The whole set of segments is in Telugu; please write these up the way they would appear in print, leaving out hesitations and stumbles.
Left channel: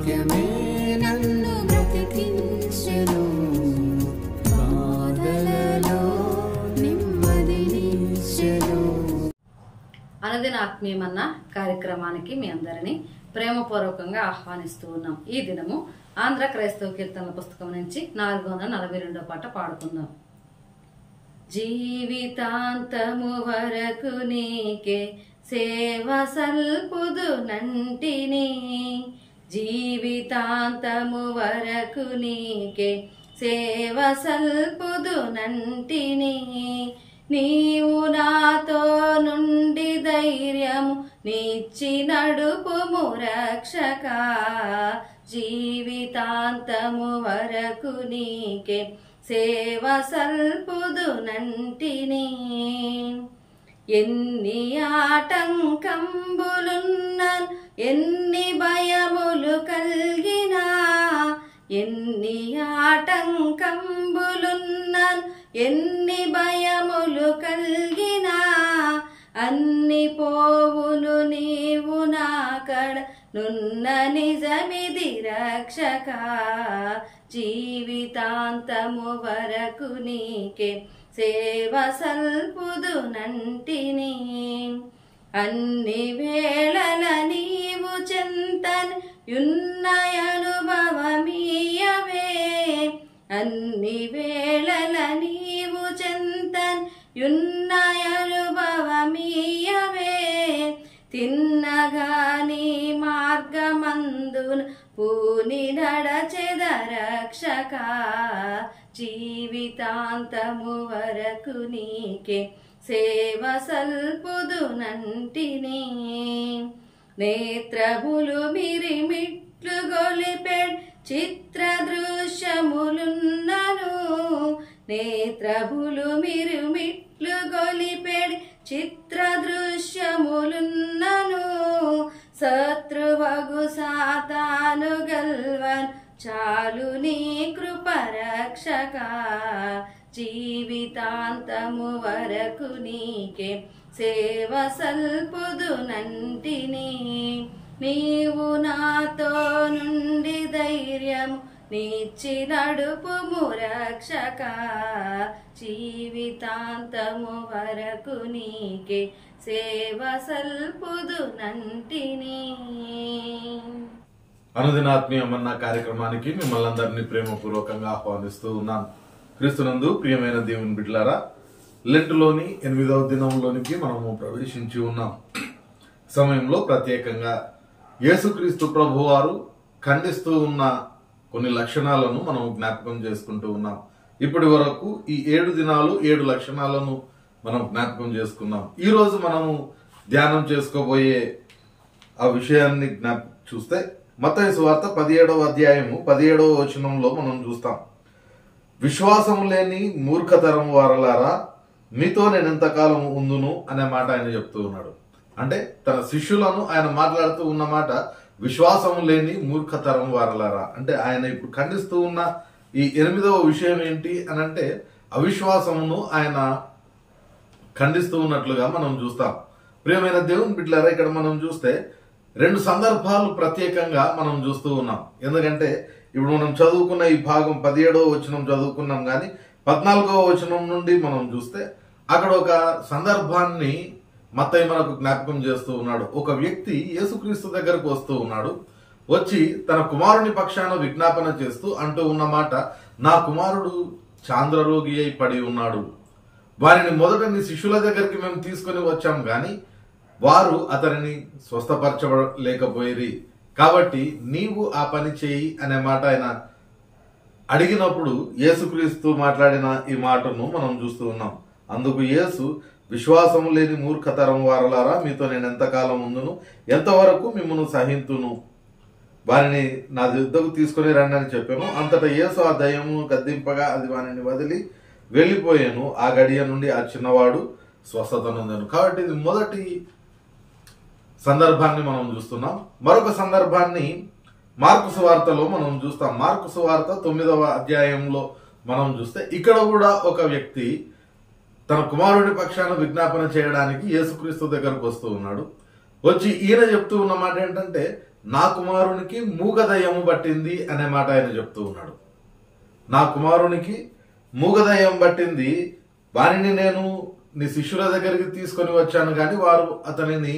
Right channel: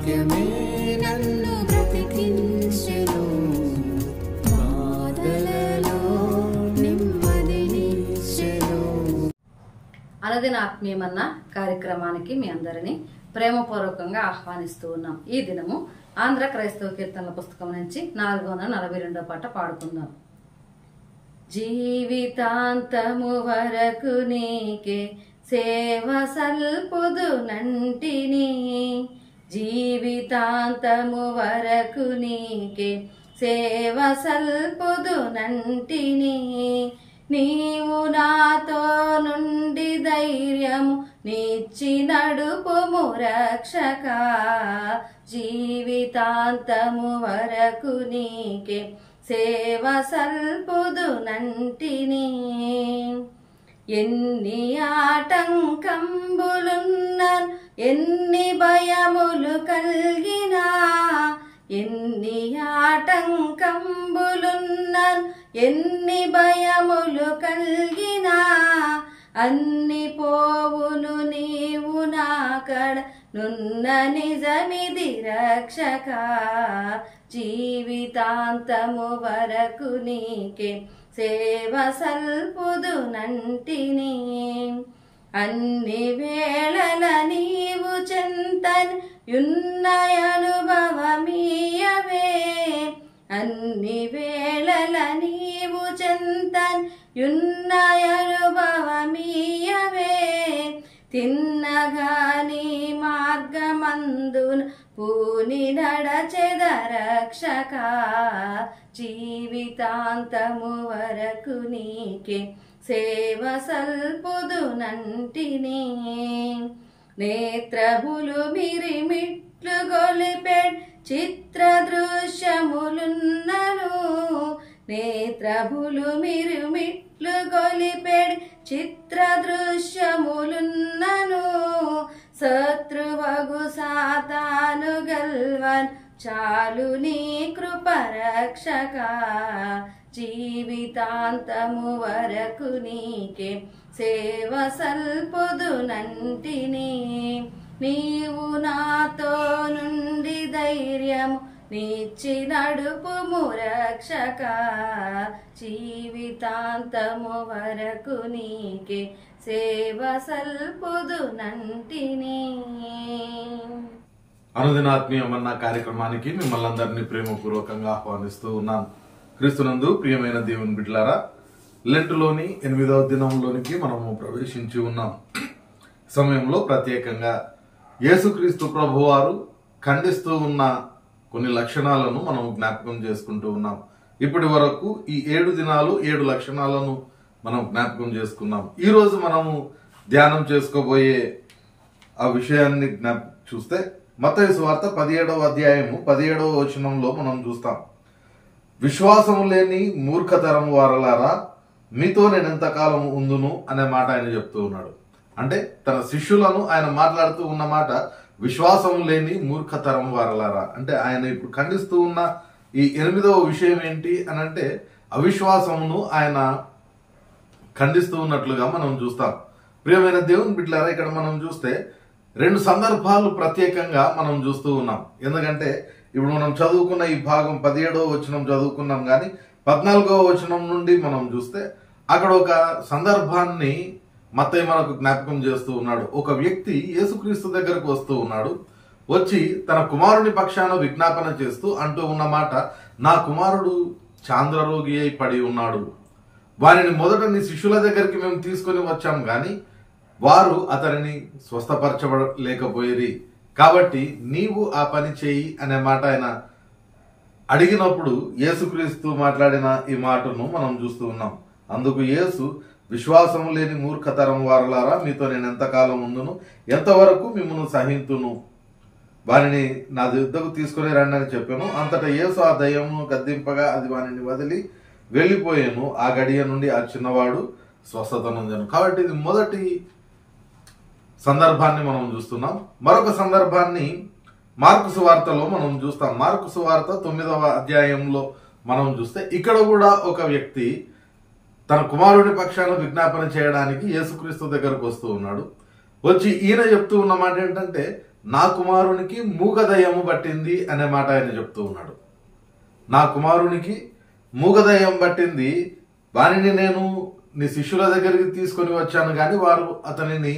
వాక్యమే నన్ను బ్రతికించెను, బాధలలో నెమ్మదినిచ్చెను. అనుదిన ఆత్మీయమన్న కార్యక్రమానికి మీ అందరినీ ప్రేమపూర్వకంగా ఆహ్వానిస్తూ ఉన్నాం. ఈ దినము ఆంధ్ర క్రైస్తవ కీర్తనల పుస్తకం నుంచి 442వ పాట పాడుకుందాం. జీవితాంతము వరకు నీకే సేవ సల్పుదు నంటిని, జీవితాంతము వరకు నీకే సేవ సల్పుదు నంటిని. నీవు నాతో నుండి ధైర్యము నిచ్చి నడుపుము రక్షక, జీవితాంతము వరకు నీకే సేవ సల్పుదు నంటిని. ఎన్ని ఆటంకంబులున్నను, ఎన్ని భయములు కలిగినా, ఎన్ని ఆటంకంబులున్నను, ఎన్ని భయములు కలిగినా, అన్ని పోవును నీవు నాకడ నున్న నిజమిది రక్షక, జీవితాంతము వరకు నీకే సేవ సల్పుదు నంటిని. అన్ని వేళల నీవు చెంతని యున్న అనుభవమీయవే, అన్ని వేళల నీవు చెంతని యున్న అనుభవమీయవే. తిన్నగాని మార్గమందున పూని నడచెద రక్షక, జీవితాంతము వరకు నీకే సేవ సల్పుదు నంటిని. నేత్రములు మిరిమిట్లు గొలిపెడ్ చిత్ర దృశ్యములున్నను, నేత్రములు మిరుమిట్లు గొలిపెడ్ చిత్ర దృశ్యములున్నను. శత్రువగు సాతాను గల్వన్ చాలు నీ కృప రక్షక, జీవితాంతము వరకు నీకే సేవ సల్పుదు నంటిని. నీవు నాతో నుండి ధైర్యము నిచ్చి నడుపుము రక్షక, జీవితాంతము వరకు నీకే సేవ సల్పుదు నంటిని. అనుదినాత్మీయమన్న కార్యక్రమానికి మిమ్మల్ని అందరినీ ప్రేమపూర్వకంగా ఆహ్వానిస్తూ ఉన్నాను. క్రీస్తునందు ప్రియమైన దేవుని బిడ్డలారా, లెంటులోని 8వ దినంలోనికి మనము ప్రవేశించి ఉన్నాం. సమయంలో ప్రత్యేకంగా యేసుక్రీస్తు ప్రభువారు ఖండిస్తూ ఉన్న కొన్ని లక్షణాలను మనం జ్ఞాపకం చేసుకుంటూ ఉన్నాం. ఇప్పటి వరకు ఈ 7 దినాలు 7 లక్షణాలను మనం జ్ఞాపకం చేసుకున్నాం. ఈ రోజు మనము ధ్యానం చేసుకోబోయే ఆ విషయాన్ని చూస్తే మత్తయి సువార్త 17వ అధ్యాయము 17వ వచనంలో మనం చూస్తాం. విశ్వాసము లేని మూర్ఖతరం వారలారా, మీతో నేను ఎంతకాలం ఉందును అనే మాట ఆయన చెప్తూ ఉన్నాడు. అంటే తన శిష్యులను ఆయన మాట్లాడుతూ ఉన్న మాట విశ్వాసము లేని మూర్ఖతరం వారలారా. అంటే ఆయన ఇప్పుడు ఖండిస్తూ ఉన్న ఈ 8వ విషయం ఏంటి అని అంటే అవిశ్వాసమును ఆయన ఖండిస్తూ ఉన్నట్లుగా మనం చూస్తాం. ప్రియమైన దేవుని బిడ్డలారా, ఇక్కడ మనం చూస్తే 2 సందర్భాలు ప్రత్యేకంగా మనం చూస్తూ ఉన్నాం. ఎందుకంటే ఇప్పుడు మనం చదువుకున్న ఈ భాగం 17వ వచనం చదువుకున్నాం, కానీ 14వ వచనం నుండి మనం చూస్తే అక్కడ ఒక సందర్భాన్ని మత్తయి మనకు జ్ఞాపకం చేస్తూ ఉన్నాడు. ఒక వ్యక్తి యేసుక్రీస్తు దగ్గరకు వస్తూ ఉన్నాడు. వచ్చి తన కుమారుని పక్షాన విజ్ఞాపన చేస్తూ అంటూ ఉన్న మాట, నా కుమారుడు చాంద్రరోగి అయి పడి ఉన్నాడు, వారిని మొదట నీ శిష్యుల దగ్గరికి మేము తీసుకొని వచ్చాం, గాని వారు అతనిని స్వస్థపరచలేకపోయిరి, కాబట్టి నీవు ఆ పని చేయి అనే మాట ఆయన అడిగినప్పుడు యేసుక్రీస్తు మాట్లాడిన ఈ మాటను మనం చూస్తూ ఉన్నాం. అందుకు యేసు, విశ్వాసము లేని మూర్ఖతరం వారలారా, మీతో నేను ఎంతకాలం ఉందును, ఎంతవరకు మిమ్మల్ని సహింతును, వారిని నా యుద్ధకు తీసుకుని రండి అని చెప్పాను. అంతటా యేసు ఆ దయ్యమును గద్దింపగా అది వారిని వదిలి వెళ్ళిపోయాను. ఆ గడియ నుండి ఆ చిన్నవాడు స్వస్థత నొందెను. కాబట్టి ఇది మొదటి సందర్భాన్ని మనం చూస్తున్నాం. మరొక సందర్భాన్ని మార్కు సువార్తలో మనం చూస్తాం. మార్కు సువార్త 9వ అధ్యాయంలో మనం చూస్తే ఇక్కడ కూడా ఒక వ్యక్తి తన కుమారుడి పక్షాన విజ్ఞాపన చేయడానికి యేసుక్రీస్తు దగ్గరకు వస్తూ ఉన్నాడు. వచ్చి ఈయన చెప్తూ ఉన్న మాట ఏంటంటే, నా కుమారునికి మూగదయ్యము పట్టింది అనే మాట ఆయన చెప్తూ ఉన్నాడు. నా కుమారునికి మూగదయ్యం పట్టింది, వారిని నేను నీ శిష్యుల దగ్గరికి తీసుకొని వచ్చాను కానీ వారు అతనిని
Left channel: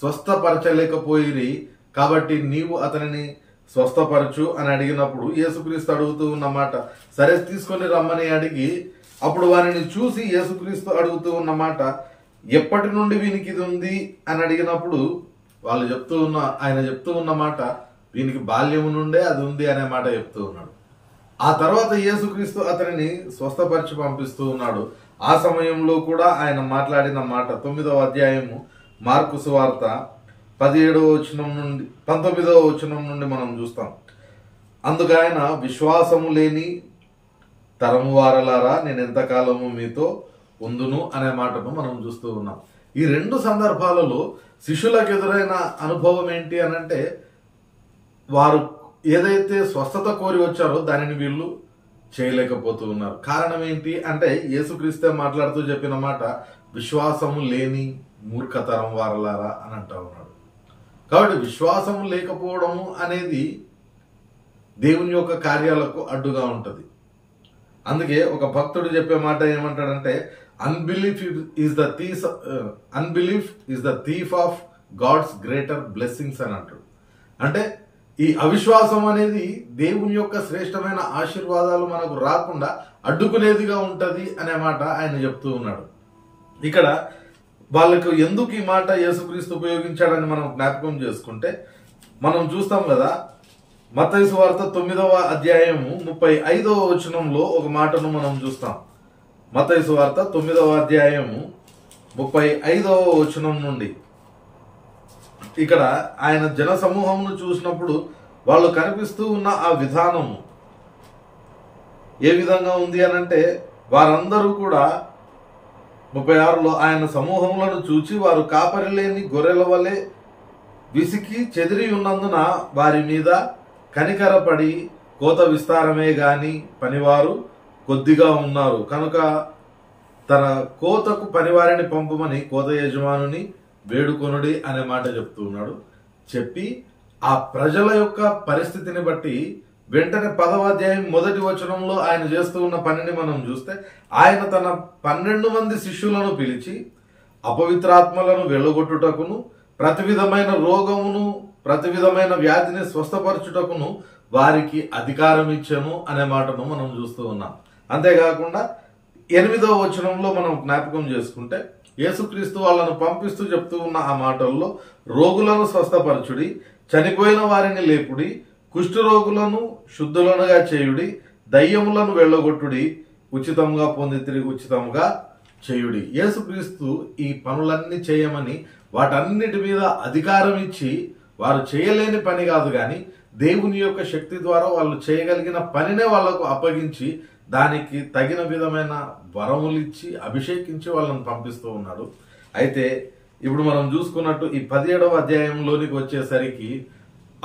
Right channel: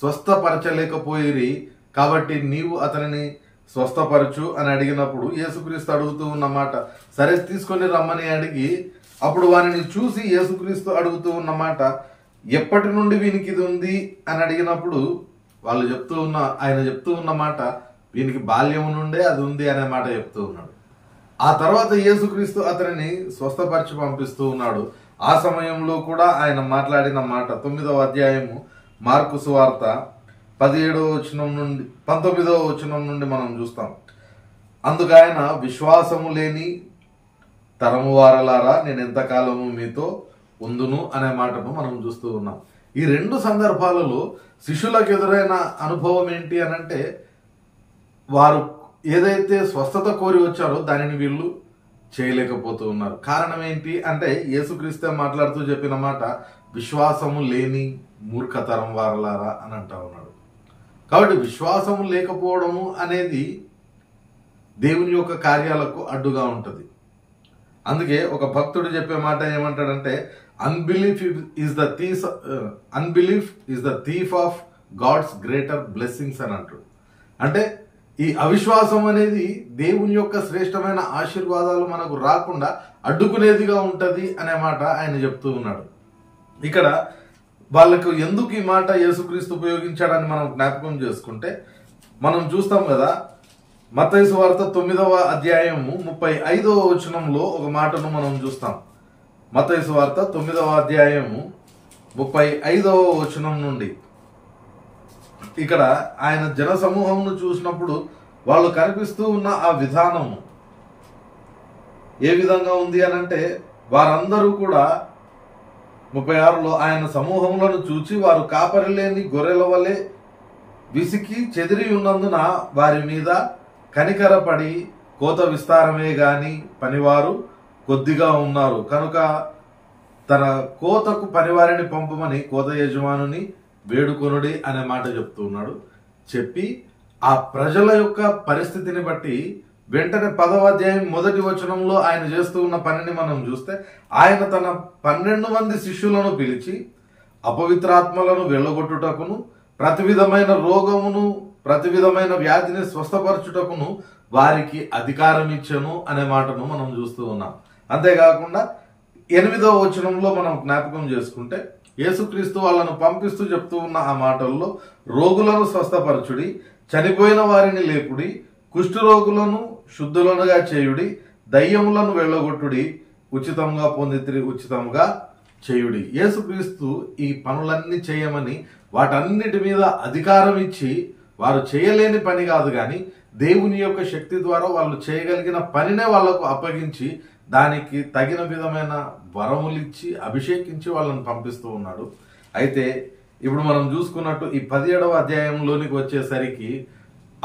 స్వస్థపరచలేకపోయిరి, కాబట్టి నీవు అతనిని స్వస్థపరచు అని అడిగినప్పుడు యేసుక్రీస్తు అడుగుతూ ఉన్నమాట, సరే తీసుకొని రమ్మని అడిగి అప్పుడు వారిని చూసి యేసుక్రీస్తు అడుగుతూ ఉన్నమాట, ఎప్పటి నుండి వీనికి ఇది ఉంది అని అడిగినప్పుడు ఆయన చెప్తూ ఉన్నమాట, వీనికి బాల్యము నుండే అది ఉంది అనే మాట చెప్తూ ఉన్నాడు. ఆ తర్వాత యేసుక్రీస్తు అతనిని స్వస్థపరిచి పంపిస్తూ ఉన్నాడు. ఆ సమయంలో కూడా ఆయన మాట్లాడిన మాట 9వ అధ్యాయము మార్కు సువార్త 17వ వచనం నుండి 19వ వచనం నుండి మనం చూస్తాం. అందుకు ఆయన, విశ్వాసము లేని తరము వారలారా నేను ఎంతకాలము మీతో ఉందును అనే మాటను మనం చూస్తూ ఉన్నాం. ఈ రెండు సందర్భాలలో శిష్యులకు ఎదురైన అనుభవం ఏంటి అనంటే, వారు ఏదైతే స్వస్థత కోరి వచ్చారో దానిని వీళ్ళు చేయలేకపోతూ ఉన్నారు. కారణం ఏంటి అంటే యేసుక్రీస్తే మాట్లాడుతూ చెప్పిన మాట, విశ్వాసము లేని మూర్ఖతరం వారలారా అని అంటా ఉన్నాడు. కాబట్టి విశ్వాసము లేకపోవడము అనేది దేవుని యొక్క కార్యాలకు అడ్డుగా ఉంటుంది. అందుకే ఒక భక్తుడు చెప్పే మాట ఏమంటాడంటే, unbelief is the thief of God's greater blessings అని అంటాడు. అంటే ఈ అవిశ్వాసం అనేది దేవుని యొక్క శ్రేష్టమైన ఆశీర్వాదాలు మనకు రాకుండా అడ్డుకునేదిగా ఉంటది అనే మాట ఆయన చెప్తూ ఉన్నాడు. ఇక్కడ వాళ్ళకు ఎందుకు ఈ మాట యేసుక్రీస్తు ఉపయోగించాడని మనం జ్ఞాపకం చేసుకుంటే మనం చూస్తాం కదా, మత్తయి సువార్త 9వ అధ్యాయము 35వ వచనంలో ఒక మాటను మనం చూస్తాం. మత్తయి సువార్త 9వ అధ్యాయము 35వ వచనం నుండి ఇక్కడ ఆయన జన సమూహంను చూసినప్పుడు వాళ్ళు కనిపిస్తూ ఉన్న ఆ విధానము ఏ విధంగా ఉంది అనంటే, వారందరూ కూడా 36లో ఆయన సమూహములను చూచి వారు కాపరి లేని గొర్రెల వలె విసికి చెదిరి ఉన్నందున వారి మీద కనికరపడి, కోత విస్తారమే గాని పనివారు కొద్దిగా ఉన్నారు కనుక తన కోతకు పనివారిని పంపమని కోత యజమానుని వేడుకొనుడి అనే మాట చెప్తూ ఉన్నాడు. చెప్పి ఆ ప్రజల యొక్క పరిస్థితిని బట్టి వెంటనే 10వ అధ్యాయం 1వ వచనంలో ఆయన చేస్తూ ఉన్న పనిని మనం చూస్తే, ఆయన తన 12 మంది శిష్యులను పిలిచి అపవిత్రాత్మలను వెళ్ళగొట్టుటకును, ప్రతి విధమైన రోగమును, ప్రతి విధమైన వ్యాధిని స్వస్థపరచుటకును వారికి అధికారం ఇచ్చెను అనే మాటను మనం చూస్తూ ఉన్నాం. అంతేకాకుండా 8వ వచనంలో మనం జ్ఞాపకం చేసుకుంటే, యేసుక్రీస్తు వాళ్ళను పంపిస్తూ చెప్తూ ఉన్న ఆ మాటల్లో, రోగులను స్వస్థపరచుడి, చనిపోయిన వారిని లేపుడి, కుష్ఠరోగులను శుద్ధులనుగా చేయుడి, దయ్యములను వెళ్ళగొట్టుడి, ఉచితంగా పొందితిరి ఉచితంగా చేయుడి. యేసుక్రీస్తు ఈ పనులన్నీ చేయమని వాటన్నిటి మీద అధికారం ఇచ్చి, వారు చేయలేని పని కాదు కానీ దేవుని యొక్క శక్తి ద్వారా వాళ్ళు చేయగలిగిన పనినే వాళ్లకు అప్పగించి దానికి తగిన విధమైన వరములిచ్చి అభిషేకించి వాళ్ళని పంపిస్తూ ఉన్నాడు. అయితే ఇప్పుడు మనం చూసుకున్నట్టు ఈ 17వ అధ్యాయంలోనికి వచ్చేసరికి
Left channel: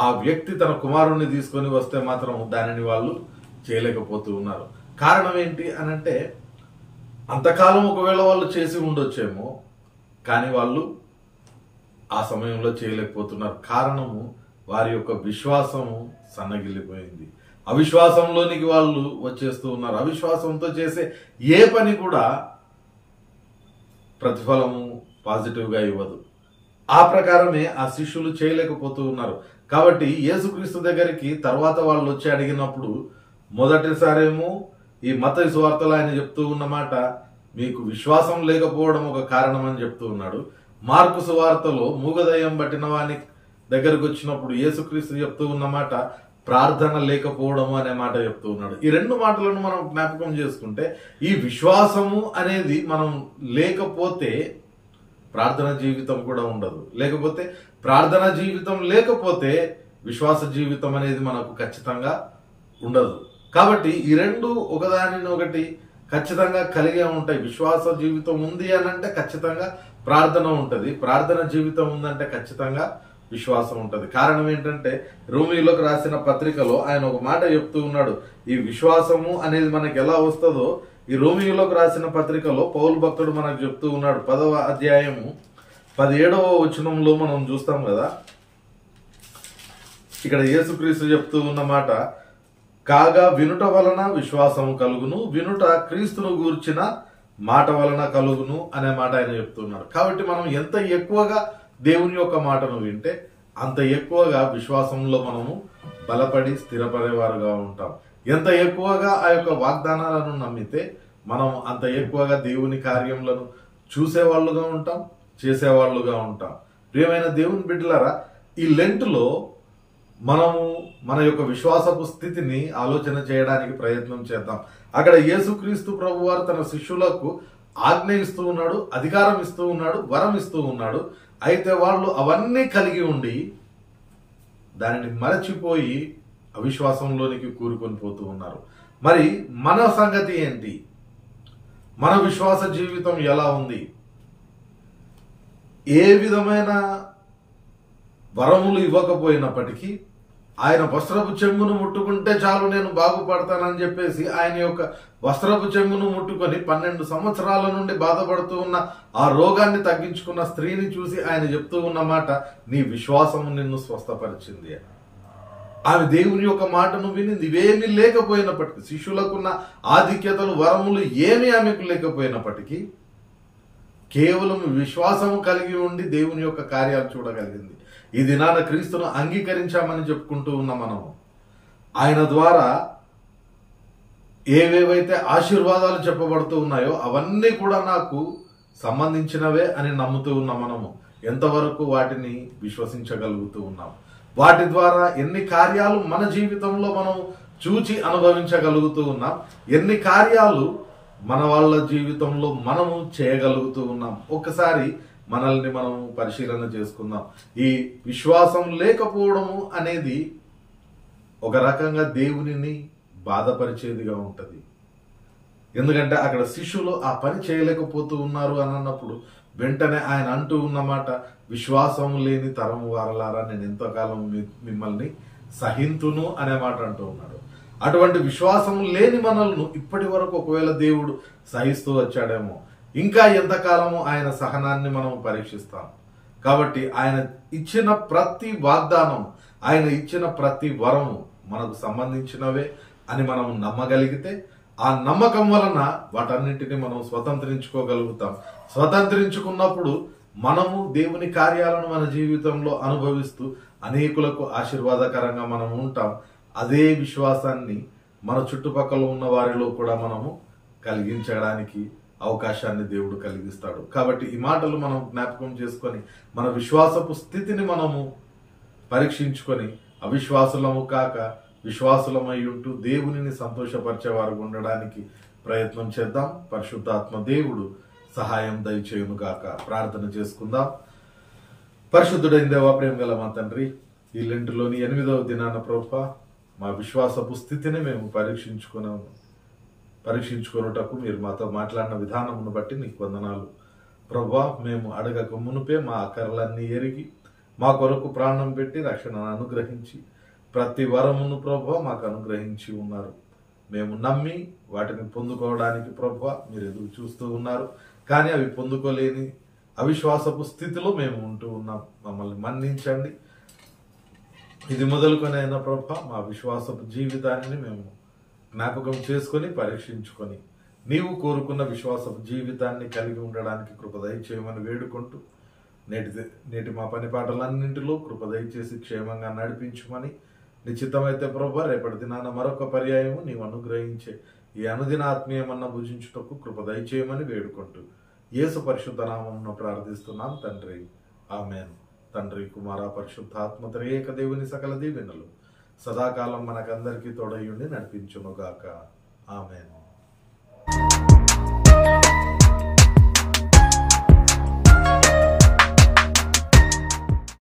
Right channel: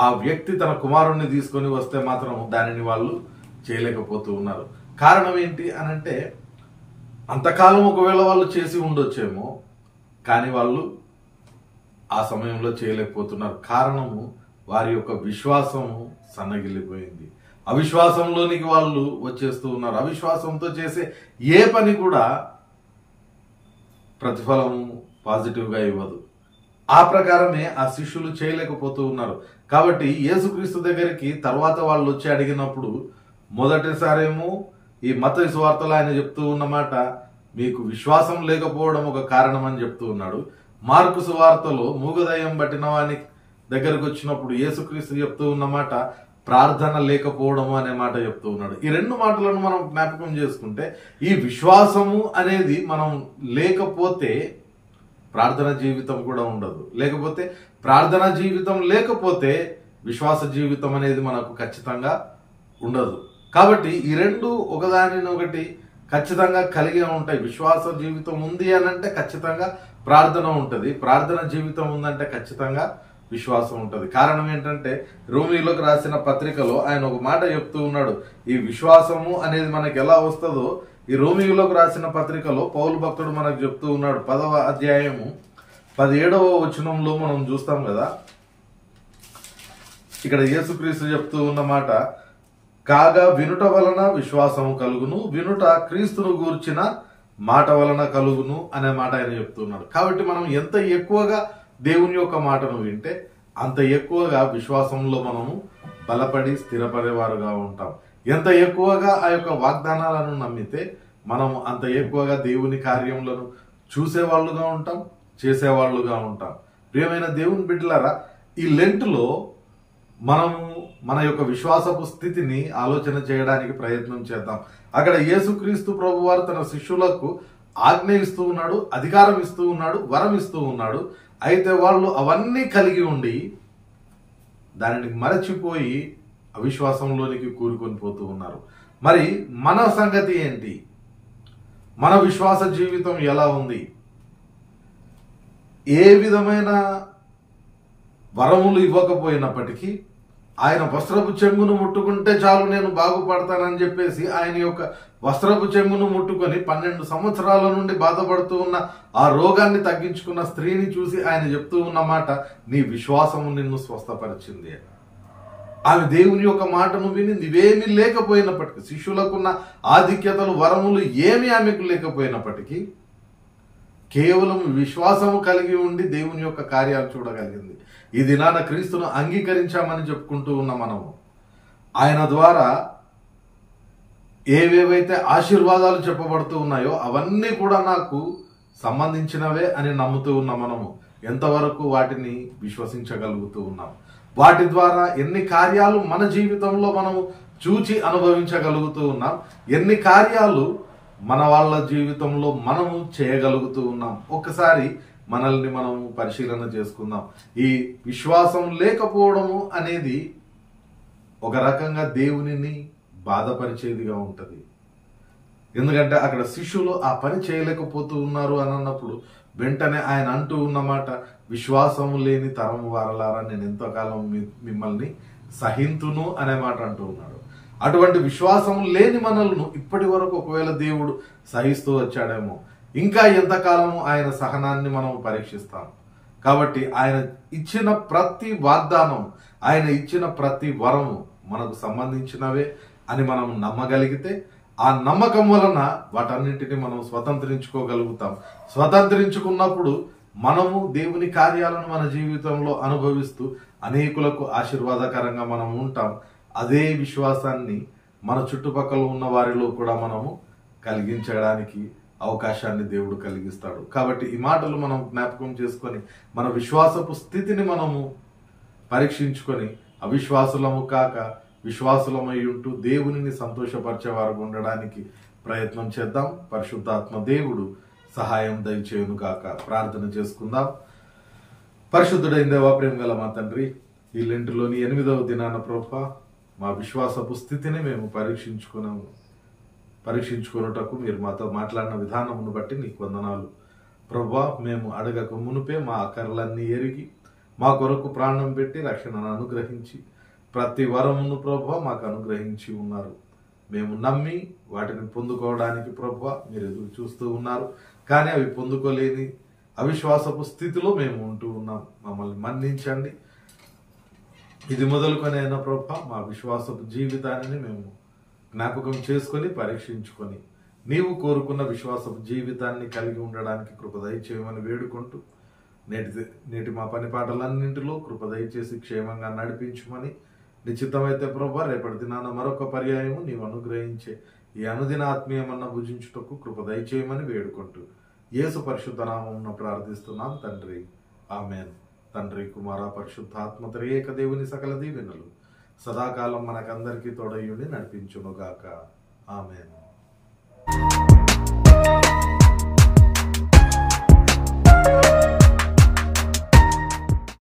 ఆ వ్యక్తి తన కుమారుణ్ణి తీసుకొని వస్తే మాత్రం దానిని వాళ్ళు చేయలేకపోతూ ఉన్నారు. కారణం ఏంటి అనంటే, అంతకాలం ఒకవేళ వాళ్ళు చేసి ఉండొచ్చేమో కానీ వాళ్ళు ఆ సమయంలో చేయలేకపోతున్నారు. కారణము వారి యొక్క విశ్వాసము సన్నగిల్లిపోయింది. అవిశ్వాసంలోనికి వాళ్ళు వచ్చేస్తూ ఉన్నారు. అవిశ్వాసంతో చేసే ఏ పని కూడా ప్రతిఫలము పాజిటివ్గా ఇవ్వదు. ఆ ప్రకారమే ఆ శిష్యులు చేయలేకపోతూ ఉన్నారు. కాబట్టి యేసుక్రీస్తు దగ్గరికి తర్వాత వాళ్ళు వచ్చి అడిగినప్పుడు మొదటిసారేమో ఈ మత్తయి సువార్తలో ఆయన చెప్తూ ఉన్నమాట, మీకు విశ్వాసం లేకపోవడం ఒక కారణం అని చెప్తూ ఉన్నాడు. మార్కు సువార్తలో మూగదయ్యం పట్టిన వాని దగ్గరకు వచ్చినప్పుడు యేసుక్రీస్తు చెప్తూ ఉన్నమాట, ప్రార్థన లేకపోవడము అనే మాట చెప్తూ ఉన్నాడు. ఈ రెండు మాటలను మనం జ్ఞాపకం చేసుకుంటే, ఈ విశ్వాసము అనేది మనం లేకపోతే ప్రార్థన జీవితం కూడా ఉండదు. లేకపోతే ప్రార్థన జీవితం లేకపోతే విశ్వాస జీవితం అనేది మనకు ఖచ్చితంగా ఉండదు. కాబట్టి ఈ రెండు ఒకదానినొకటి ఖచ్చితంగా కలిగే ఉంటాయి. విశ్వాస జీవితం ఉంది అనంటే ఖచ్చితంగా ప్రార్థన ఉంటుంది. ప్రార్థన జీవితం ఉందంటే ఖచ్చితంగా విశ్వాసం ఉంటుంది. కారణం ఏంటంటే రోమీయులకు రాసిన పత్రికలో ఆయన ఒక మాట చెప్తూ ఉన్నాడు. ఈ విశ్వాసము అనేది మనకి ఎలా వస్తుందో ఈ రోమీయులకు రాసిన పత్రికలో పౌలు భక్తుడు మనకు చెప్తూ ఉన్నాడు. 10వ అధ్యాయము 17వ వచనంలో మనం చూస్తాం కదా, ఇక్కడ యేసుక్రీస్తు చెప్తూ ఉన్న మాట, కాగా వినుట వలన విశ్వాసము కలుగును, వినుట క్రీస్తును గూర్చిన మాట వలన కలుగును అనే మాట ఆయన చెప్తున్నారు. కాబట్టి మనం ఎంత ఎక్కువగా దేవుని యొక్క మాటను వింటే అంత ఎక్కువగా విశ్వాసంలో మనము బలపడి స్థిరపడేవారుగా ఉంటాం. ఎంత ఎక్కువగా ఆ యొక్క వాగ్దానాలను నమ్మితే మనం అంత ఎక్కువగా దేవుని కార్యములను చూసేవాళ్ళుగా ఉంటాం, చేసేవాళ్ళుగా ఉంటాం. ప్రియమైన దేవుని బిడ్డలారా, ఈ లెంటులో మనము మన యొక్క విశ్వాసపు స్థితిని ఆలోచన చేయడానికి ప్రయత్నం చేద్దాం. అక్కడ యేసుక్రీస్తు ప్రభువారు తన శిష్యులకు ఆజ్ఞ ఇస్తూ ఉన్నాడు, అధికారం ఇస్తూ ఉన్నాడు, వరం ఇస్తూ ఉన్నాడు. అయితే వాళ్ళు అవన్నీ కలిగి ఉండి దానిని మరచిపోయి అవిశ్వాసంలోనికి కూరుకొని పోతూ ఉన్నారు. మరి మన సంగతి ఏంటి? మన విశ్వాస జీవితం ఎలా ఉంది? ఏ విధమైన వరములు ఇవ్వకపోయినప్పటికీ ఆయన వస్త్రపు చెంగును ముట్టుకుంటే చాలు నేను బాగుపడతానని చెప్పేసి ఆయన యొక్క వస్త్రపు చెంగును ముట్టుకొని 12 సంవత్సరాల నుండి బాధపడుతూ ఉన్న ఆ రోగాన్ని తగ్గించుకున్న స్త్రీని చూసి ఆయన చెప్తూ ఉన్న మాట, నీ విశ్వాసము నిన్ను స్వస్థపరిచింది. ఆమె దేవుని యొక్క మాటను వినింది. ఇవేమీ లేకపోయినప్పటికీ, శిష్యులకున్న ఆధిక్యతలు వరములు ఏమీ ఆమెకు లేకపోయినప్పటికీ కేవలం విశ్వాసము కలిగి ఉండి దేవుని యొక్క కార్యాలు చూడగలిగింది. ఈ దినాన క్రీస్తును అంగీకరించామని చెప్పుకుంటూ ఉన్న మనము ఆయన ద్వారా ఏవేవైతే ఆశీర్వాదాలు చెప్పబడుతూ ఉన్నాయో అవన్నీ కూడా నాకు సంబంధించినవే అని నమ్ముతూ ఉన్న మనము ఎంతవరకు వాటిని విశ్వసించగలుగుతూ ఉన్నాం? వాటి ద్వారా ఎన్ని కార్యాలు మన జీవితంలో మనము చూచి అనుభవించగలుగుతూ ఉన్నాం? ఎన్ని కార్యాలు మన వాళ్ళ జీవితంలో మనము చేయగలుగుతూ ఉన్నాం? ఒక్కసారి మనల్ని మనం పరిశీలన చేసుకుందాం. ఈ విశ్వాసం లేకపోవడము అనేది ఒక రకంగా దేవునిని బాధపరిచేదిగా ఉంటుంది. ఎందుకంటే అక్కడ శిష్యులు ఆ పని చేయలేకపోతూ ఉన్నారు అని అన్నప్పుడు వెంటనే ఆయన అంటూ ఉన్నమాట, విశ్వాసం లేని తరం వారలారా నేను ఎంతకాలం మిమ్మల్ని సహింతును అనే మాట అంటూ ఉన్నాడు. అటువంటి విశ్వాసం లేని మనల్ని ఇప్పటి వరకు ఒకవేళ దేవుడు సహిస్తూ వచ్చాడేమో, ఇంకా ఎంతకాలము ఆయన సహనాన్ని మనం పరీక్షిస్తాం. కాబట్టి ఆయన ఇచ్చిన ప్రతి వాగ్దానం, ఆయన ఇచ్చిన ప్రతి వరము మనకు సంబంధించినవే అని మనం నమ్మగలిగితే ఆ నమ్మకం వలన వాటన్నింటినీ మనం స్వతంత్రించుకోగలుగుతాం. స్వతంత్రించుకున్నప్పుడు మనము దేవుని కార్యాలను మన జీవితంలో అనుభవిస్తూ అనేకులకు ఆశీర్వాదకరంగా మనం ఉంటాం. అదే విశ్వాసాన్ని మన చుట్టుపక్కల ఉన్న వారిలో కూడా మనము కలిగించడానికి అవకాశాన్ని దేవుడు కలిగిస్తాడు. కాబట్టి ఈ మాటలు మనం జ్ఞాపకం చేసుకొని మన విశ్వాసపు స్థితిని మనము పరీక్షించుకొని అవిశ్వాసులము కాక విశ్వాసులమై ఉంటూ దేవునిని సంతోషపరిచేవారు ఉండడానికి ప్రయత్నం చేద్దాం. పరిశుద్ధాత్మ దేవుడు సహాయం దయచేయును గాక. ప్రార్థన చేసుకుందాం. పరిశుద్ధుడైన దేవా, ప్రేమ గల మా తండ్రి, ఈ లెంటులోని 8వ దినాన ప్రభువా మా విశ్వాసపు స్థితిని మేము పరీక్షించుకొనుటకు మీరు మాతో మాట్లాడిన విధానమును బట్టి నీకు వందనాలు ప్రభువా. మేము అడగక మునుపే మా అక్కర్లన్నీ ఎరిగి మా కొరకు ప్రాణం పెట్టి రక్షణను అనుగ్రహించి ప్రతి వరమును ప్రభువా మాకు అనుగ్రహించి ఉన్నారు. మేము నమ్మి వాటిని పొందుకోవడానికి ప్రభువా మీరు ఎదురు చూస్తూ ఉన్నారు. కానీ అవి పొందుకోలేని అవిశ్వాసపు స్థితిలో మేము ఉంటూ ఉన్నాం. మమ్మల్ని మన్నించండి. ఇది మొదలుకొనైనా ప్రభువా మా విశ్వాసపు జీవితాన్ని మేము జ్ఞాపకం చేసుకొని పరీక్షించుకొని నీవు కోరుకున్న విశ్వాసపు జీవితాన్ని కలిగి ఉండడానికి కృప దయచేయమని వేడుకుంటూ నేటి మా పని పాటలన్నింటిలో కృప దయచేసి క్షేమంగా నడిపించుమని, నిశ్చితమైతే ప్రభువా రేపటి దినాన మరొక పర్యాయము నీవు అనుగ్రహించే ఈ అనుదిన ఆత్మీయమన్న భుజించుటకు కృప దయచేయమని వేడుకుంటూ యేసు పరిశుద్ధ నామమున ప్రార్థిస్తున్నాం తండ్రి, ఆమెన్. తండ్రి, కుమార, పరిశుద్ధాత్మ త్రియేక దేవుని సకల దీవెనలు సదాకాలం మనకందరికీ తోడయుండి నడిపించునుగాక. ఆమెన్.